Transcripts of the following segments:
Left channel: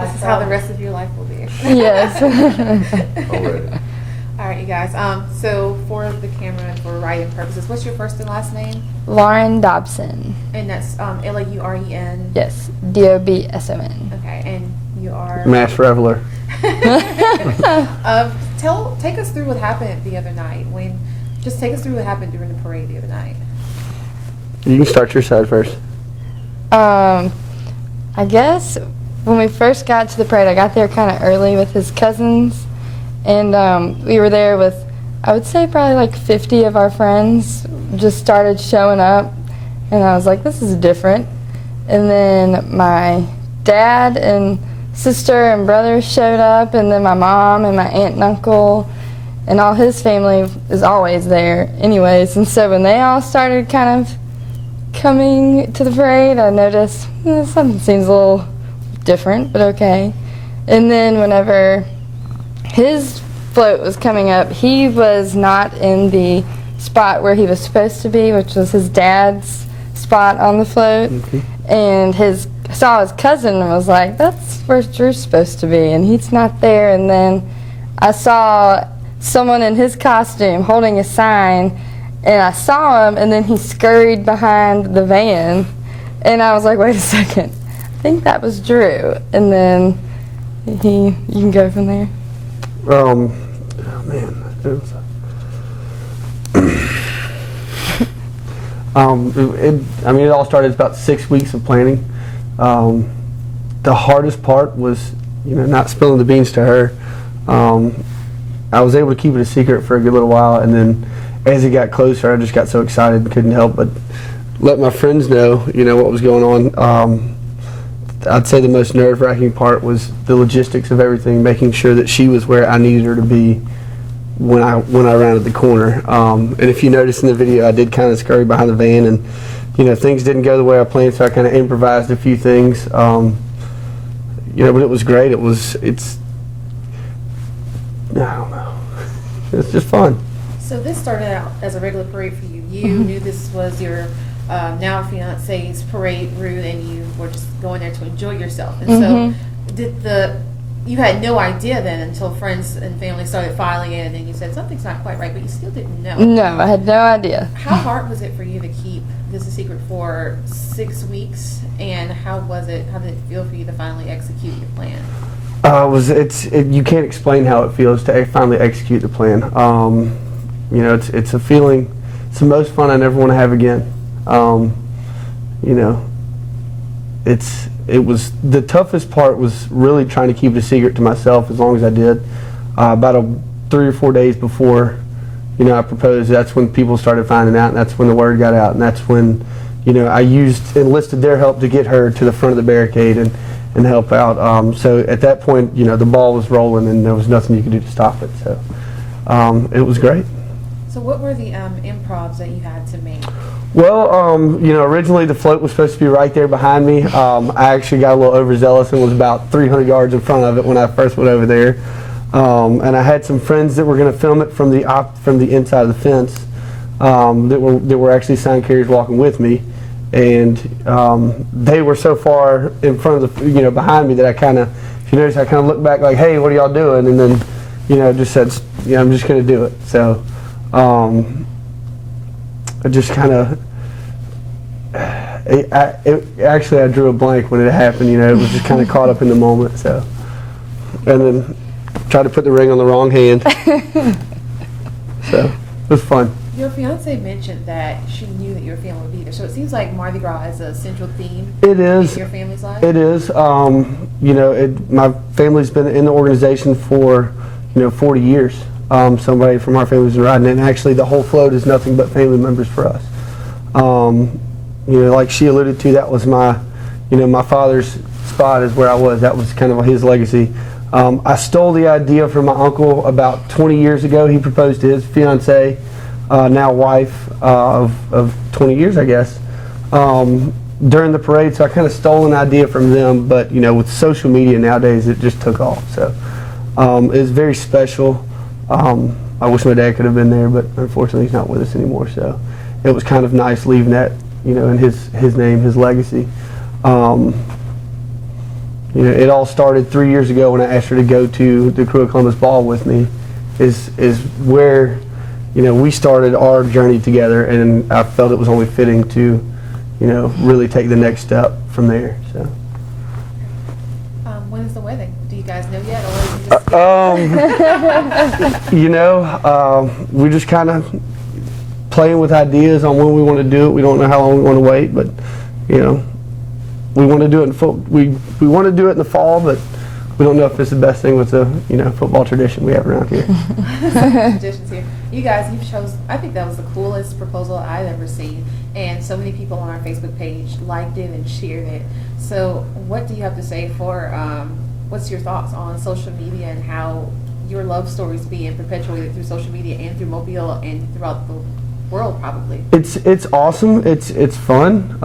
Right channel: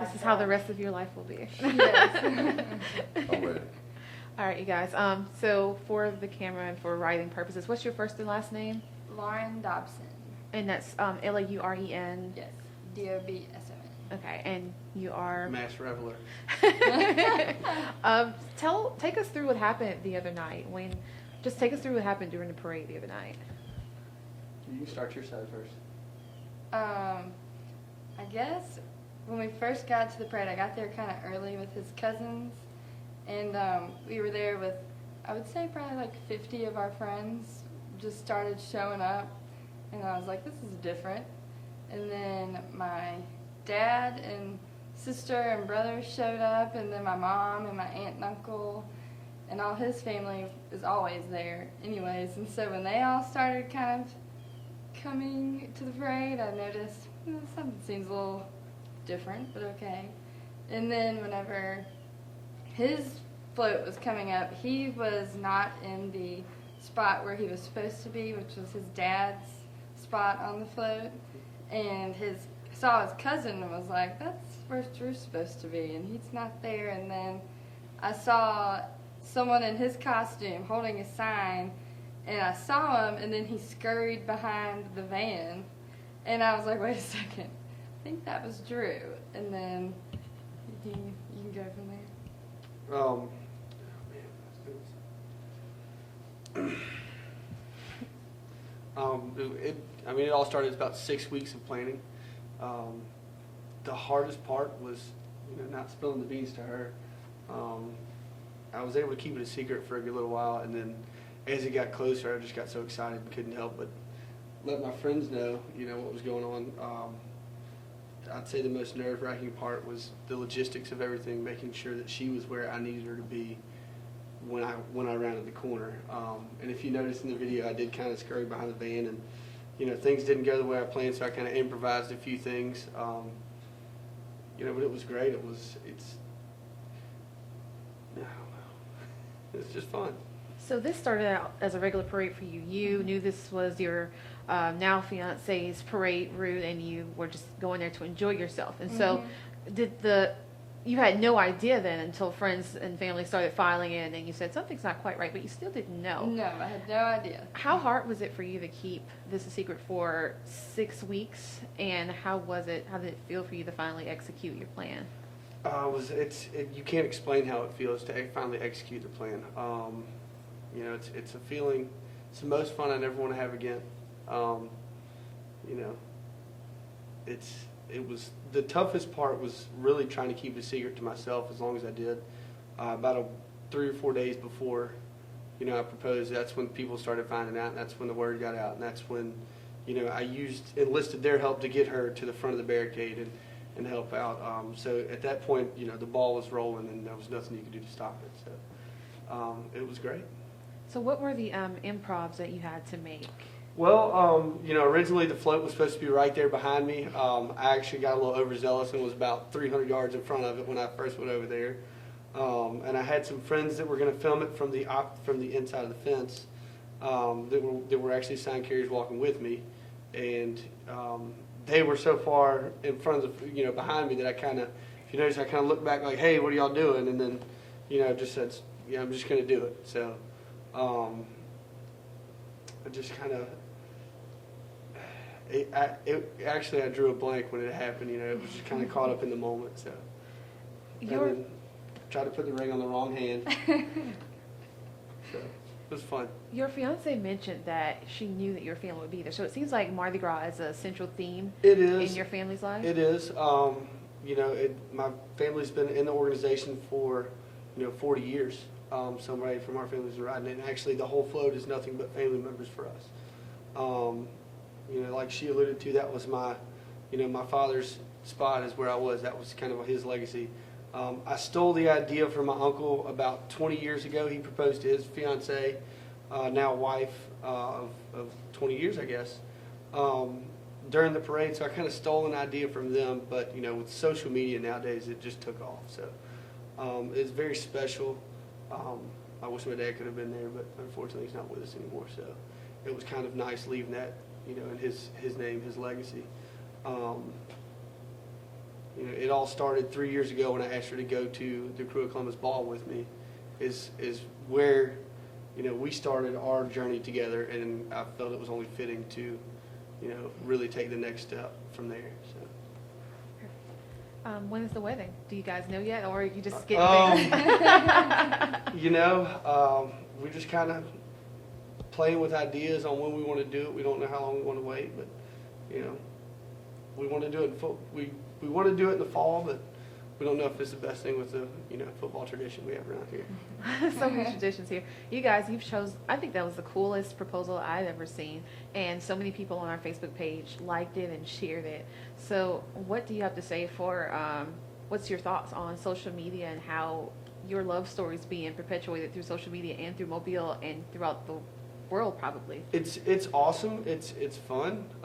This is how the rest of your life will be. Yes. Already. All right, you guys. So for the camera and for writing purposes, what's your first and last name? Lauren Dobson. And that's Lauren. Yes, Dobson. Okay, and you are. Mass Reveler. Take us through what happened the other night. Just take us through what happened during the parade the other night. You can start your side first. I guess when we first got to the parade, I got there kind of early with his cousins, and we were there with, I would say, probably like 50 of our friends. Just started showing up, and I was like, this is different. And then my dad and sister and brother showed up, and then my mom and my aunt and uncle and all his family is always there anyways. And so when they all started kind of coming to the parade, I noticed something seems a little different, but okay. And then whenever his float was coming up, he was not in the spot where he was supposed to be, which was his dad's spot on the float. Okay. And saw his cousin and was like, that's where Drew's supposed to be, and he's not there. And then I saw someone in his costume holding a sign, and I saw him, and then he scurried behind the van, and I was like, wait a second, I think that was Drew. And then you can go from there. Oh man, it was. It all started about 6 weeks of planning. The hardest part was, not spilling the beans to her. I was able to keep it a secret for a good little while, and then as it got closer, I just got so excited and couldn't help but let my friends know, what was going on. I'd say the most nerve-wracking part was the logistics of everything, making sure that she was where I needed her to be when I rounded the corner. And if you notice in the video, I did kind of scurry behind the van, and things didn't go the way I planned, so I kind of improvised a few things. But it was great. I don't know. It's just fun. So this started out as a regular parade for you. You knew this was your now fiance's parade route, and you were just going there to enjoy yourself. And so you had no idea then until friends and family started filing in, and then you said something's not quite right, but you still didn't know. No, I had no idea. How hard was it for you to keep this a secret for 6 weeks, and how did it feel for you to finally execute your plan? You can't explain how it feels to finally execute the plan. It's a feeling. It's the most fun I never want to have again. It was the toughest part was really trying to keep it a secret to myself as long as I did. About 3 or 4 days before, I proposed, that's when people started finding out, and that's when the word got out, and that's when, I enlisted their help to get her to the front of the barricade and help out. So at that point, the ball was rolling, and there was nothing you could do to stop it. So it was great. So what were the improvs that you had to make? Well, originally the float was supposed to be right there behind me. I actually got a little overzealous and was about 300 yards in front of it when I first went over there. And I had some friends that were going to film it from the inside of the fence that were actually sign carriers walking with me. And they were so far in front of the, behind me that I kind of, if you notice, I kind of looked back like, hey, what are y'all doing? And then, just said, I'm just going to do it. So I just kind of, actually I drew a blank when it happened, it was just kind of caught up in the moment. So, and then tried to put the ring on the wrong hand. So it was fun. Your fiance mentioned that she knew that your family would be there, so it seems like Mardi Gras is a central theme. It is. In your family's life. It is. My family's been in the organization for 40 years. Somebody from our family's been riding it, and actually the whole float is nothing but family members for us. Like she alluded to, that was my father's spot is where I was. That was kind of his legacy. I stole the idea from my uncle about 20 years ago. He proposed to his fiancee, now wife of 20 years, I guess, during the parade. So I kind of stole an idea from them, but with social media nowadays, it just took off. So it was very special. I wish my dad could have been there, but unfortunately he's not with us anymore. So it was kind of nice leaving that, in his name, his legacy. You know, it all started 3 years ago when I asked her to go to the Crew of Columbus Ball with me. Is where, you know, we started our journey together, and I felt it was only fitting to, you know, really take the next step from there. So. When is the wedding? Do you guys know yet, or is it just You know, we're just kind of playing with ideas on when we want to do it. We don't know how long we want to wait, but you know, we want to do it we want to do it in the fall, but we don't know if it's the best thing with the, you know, football tradition we have around here. traditions here? You guys, you've chose. I think that was the coolest proposal I've ever seen, and so many people on our Facebook page liked it and shared it. So, what do you have to say for? What's your thoughts on social media and how your love stories being perpetuated through social media and through Mobile and throughout the world, probably? It's awesome. It's fun.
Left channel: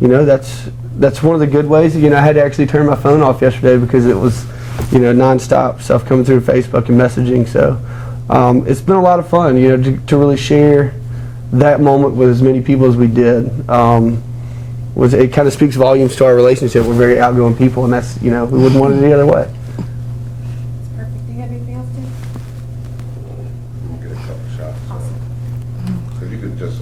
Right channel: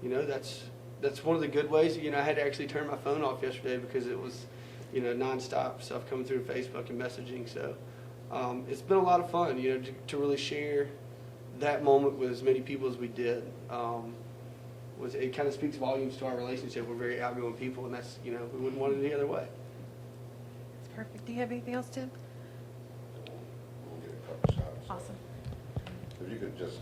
You know, that's one of the good ways. You know, I had to actually turn my phone off yesterday because it was, you know, nonstop stuff coming through Facebook and messaging. So it's been a lot of fun, you know, to really share that moment with as many people as we did. It kind of speaks volumes to our relationship. We're very outgoing people, and that's, you know, we wouldn't want it any other way. It's perfect. Do you have anything else, Tim? We'll get a couple shots. Awesome. If you could just